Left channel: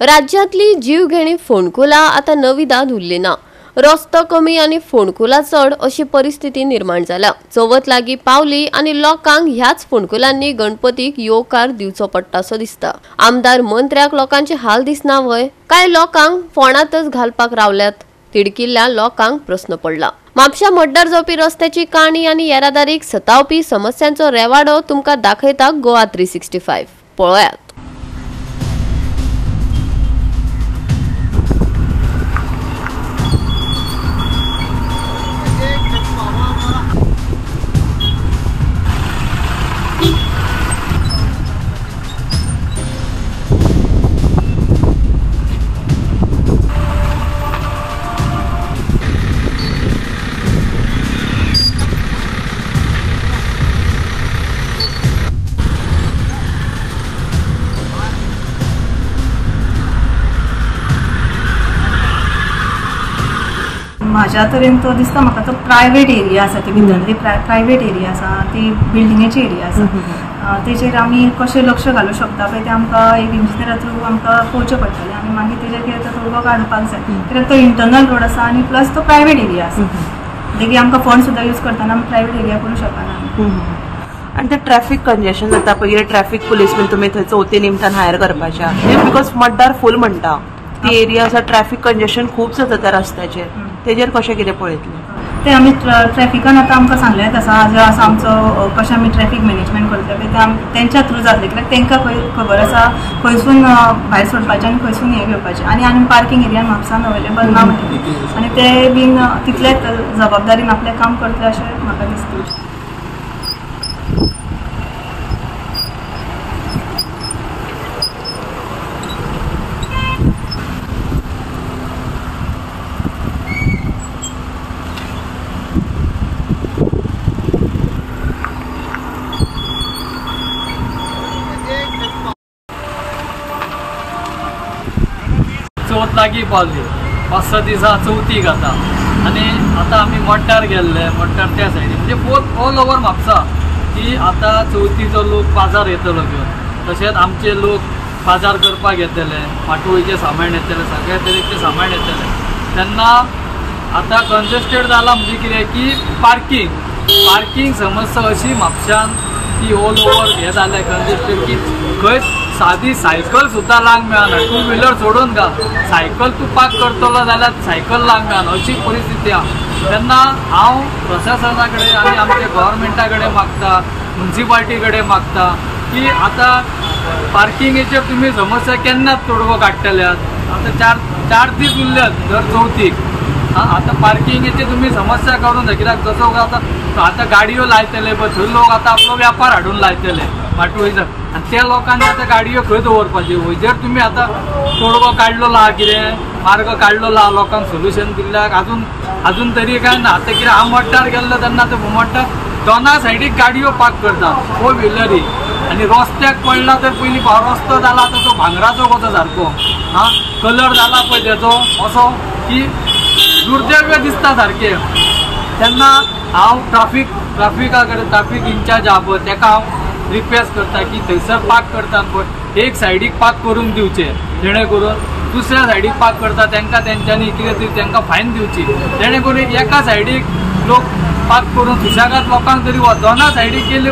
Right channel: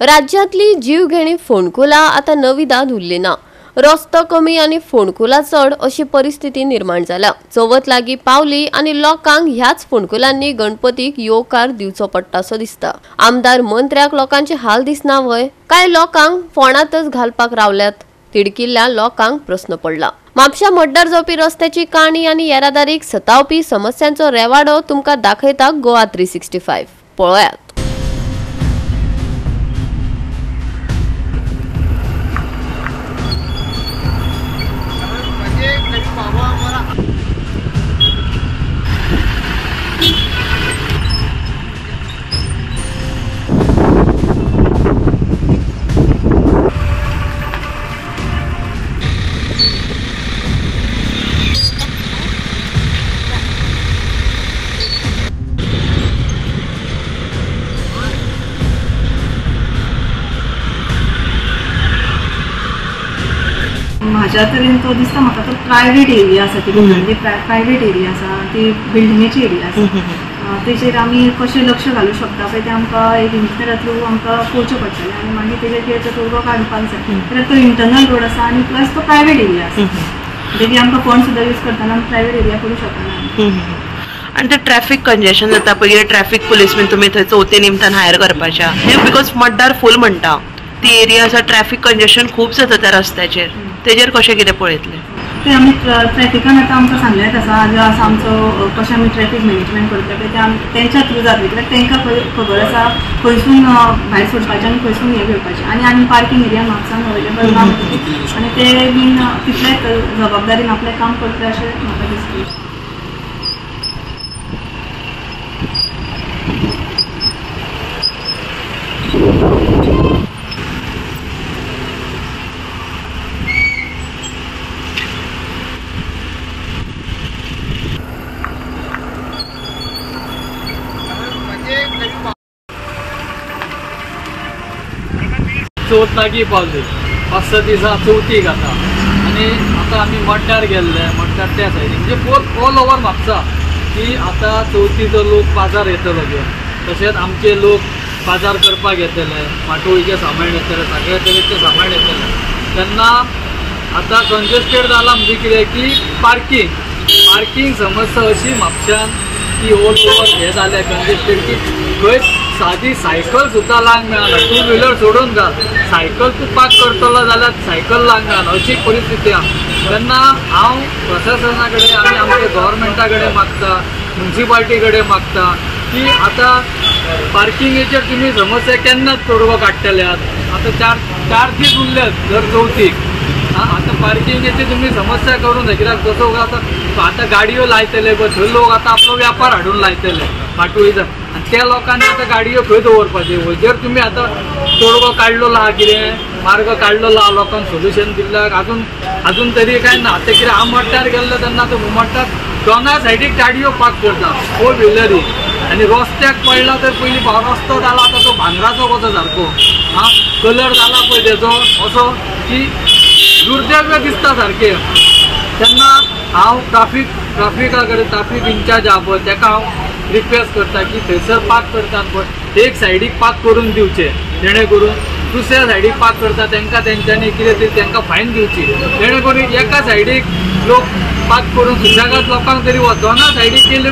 राज्यातली जीवघेणी फोंडकुलां आता नवी दाद उरली ना। रस्तो कमी आणि फोंडकुलां चढ अशी परिस्थिती निर्माण जाला। चवथ लागीं पावली आणि लोकांक ह्याच फोंडकुलांनी गणपतीक येवकार दिवचो पडटासो दिसता। आमदार मंत्र्याक लोकांचे हाल दिसना वय, काय लोकांक फोंडातच घालपाक रावल्यात? तिडकिल्ल्या लोकांक प्रश्न पडला। म्हापशा मड्डार जावपी रस्त्याची काणी आणि येरादारीक सतावपी समस्यांचो रेवाडो तुमकां दाखयता गोवा 365। पळयात। माझ्या तरेन तो दिसता म्हाका तो प्रायवेट एरिया आसा, ती भितरली प्रायवेट एरिया आसा, ती बिल्डिंगेची एरिया आसा। तेचेर आमी कशें लक्ष घालूंक शकता पळय तें आमकां एक इंजिनियरा थ्रू आमकां पळोवचें पडटलें आनी मागीर तेजेर कितें तो तोडगो काडपाक जाय। कित्याक तो इंटरनल रोड आसा आनी प्लस तो प्रायवेट एरिया आसा, देखीक आमकां फंड सुद्दां यूज करतना आमी प्रायवेट एरिया करूंक शकना। आणि ते ट्रॅफिक कंजेशन जाता पळय, ट्रॅफिक पुलीस बीन तुमी थंय चवथी निमतान हायर करपाच्या, बिकॉज मड्डार फूल म्हणटा ती एरिया आसा, ट्रॅफिक कंजेशन खूब जाता त्या रस्त्याचेर, तेजेर कशें कितें पळयतलें? ते आमी ट्रॅफिकान आतां आमकां सांगलेंच आसा, जो आसा आमचो कशें आमी ट्रॅफिक मॅनेजमेंट करतले पळय ते आमी तेंच्या थ्रू जातलें, कित्याक तेंकां खबर आसा खंयसून भायर सोडपाचें आनी खंयसून हें घेवपाचें। आनी पार्किंग एरिया म्हापसान अवेलेबल ना आनी ते बीन तितलेच जबाबदारीन आपलें काम करतले अशें म्हाका दिसता। चवथ लागीं पावली, 5-6 दिसां चवथीक आतां, आनी आतां आमी मड्डार गेल्ले, मड्डार त्या सायडीन म्हणजे ऑल ओवर म्हापसा की आतां चवथीचो लोक बाजार येतलो घेवन, तशेंच आमचे लोक बाजार करपाक येतले, माटोळीचें सामान येतलें, सगळ्या तरेचें सामान येतलें। तेन्ना आतां कंजेस्टेड जालां म्हणजे कितें की पार्किंग समस्या अशी म्हापशान की ऑल ओवर हें जालें कंजेस्टेड की खंय सादी सायकल सुद्दां लावंक मेळना। 2 व्हिलर सोडून घाल, सायकल तूं पार्क करतलो जाल्यार सायकल लावंक मेळना, अशी परिस्थिती आहा। तेन्ना हांव प्रशासना कडेन आनी आमच्या गव्हर्मेंटा कडेन मागता, म्युन्सिपाल्टी कडेन मागता की आतां पार्किंगेचेर तुमी समस्या केन्नाच तोडगो काडटल्यात। आतां चार दीस उरल्यात दर चवथीक, आतां पार्किंगेची तुमी समस्या करून जाय, कित्याक जसो आतां गाडयो लायतले पळय थंय लोक आतां आपलो व्यापार हाडून लायतले माटोळीचो, आनी त्या लोकांनी आतां गाडयो खंय दवरपाच्यो? जर तुमी आतां तोडगो काडलो आहा, कितें मार्ग काडलो आहा, लोकांक सोल्युशन दिल्ल्याक अजून तरी काय ना। आतां कितें हांव मड्डार गेल्लो तेन्ना तो मड्डार दोना सायडीक गाडयो पार्क करता 4 व्हिलरी, आनी रस्त्याक पडला तर पयलीं रस्तो जाला आतां तो भांगराचो कसो सारको, कलर जाला पळय तेजो असो की दुर्दैव्य दिसता सारकें। तेन्ना हांव ट्राफिका कडेन ट्राफिक इंचार्ज आहा पळय तेका हांव रिक्वेस्ट करता की थंयसर पार्क करतात पळय एक सायडीक पार्क करून दिवचे, जेणे करून दुसऱ्या सायडीक पार्क करता तेंकां तेंच्यांनी कितें तरी तेंकां फायन दिवची, जेणे करून एका सायडीक लोक पार्क करून सुशेगाद लोकांक तरी दोना सायडीक गेले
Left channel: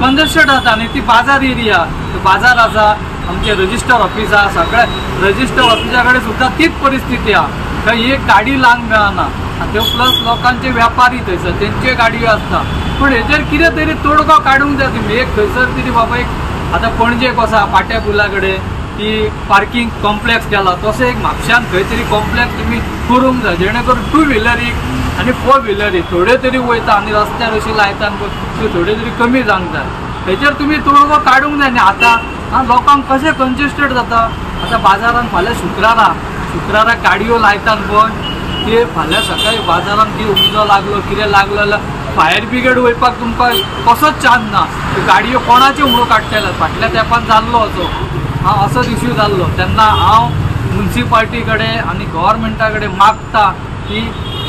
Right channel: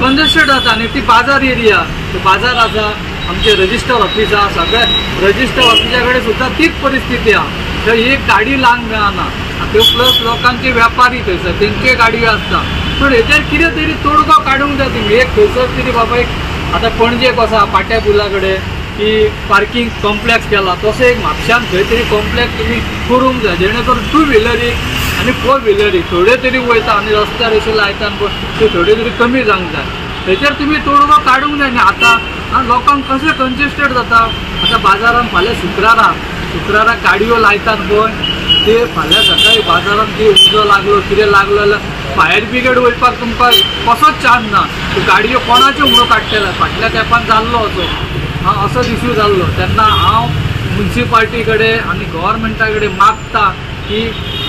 कंजेस्टेड जाता। आनी ती बाजार एरिया, बाजार आसा, आमचे रजिस्टर ऑफिस आहा, सगळे रजिस्टर ऑफिसा कडेन सुद्दां तीच परिस्थिती आहा, थंय एक गाडी लावंक मेळना। त्यो प्लस लोकांचे व्यापारी थंयसर तेंचे गाडयो आसता, पण हेचेर कितें तरी तोडगो काडूंक जाय तुमी। एक थंयसर तरी बाबा एक आतां पणजेक आसा पाट्या पुला कडेन की पार्किंग कॉम्प्लेक्स केला, तसो एक म्हापशान खंय तरी कॉम्प्लेक्स तुमी करूंक जाय, जेणे करून 2 व्हिलरीक आनी 4 व्हिलरीक थोड्यो तरी वयता आनी रस्त्यार अशें लायता त्यो थोड्यो तरी कमी जावंक जाय। थंयसर तुमी तोडगो काडूंक जाय। आनी आतां लोकांक कशें कंजेस्टेड जाता, आतां बाजारान फाल्यां शुक्राराक गाडयो लायतात पळय, ते फाल्यां सकाळीं बाजारात कितें उजो लागलो कितें लागलो जाल्यार फायर ब्रिगेड वयपाक तुमकां कसोच चान्स ना। गाडयो कोणाच्यो म्हणून काडटले, फाटल्या तेंपान जाल्लो असो इश्यू जाल्लो। तेन्ना हांव म्युन्सिपाल्टी कडेन आनी गव्हर्मेंटा कडेन मागता की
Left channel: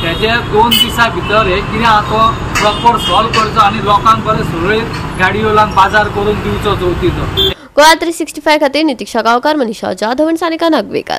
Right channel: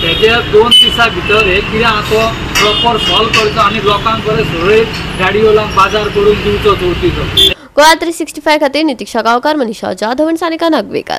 तेजे 2 दिसां भितर हे कितें आहा तो प्रॉपर सॉल्व करचो आनी लोकांक बरें सुरळीत गाडयो लावन बाजार करून दिवचो चवथीचो। गोवा 365 खातीर नितीक्षा गांवकार, मनीषा जाधव आनी सानिका नागवेकर.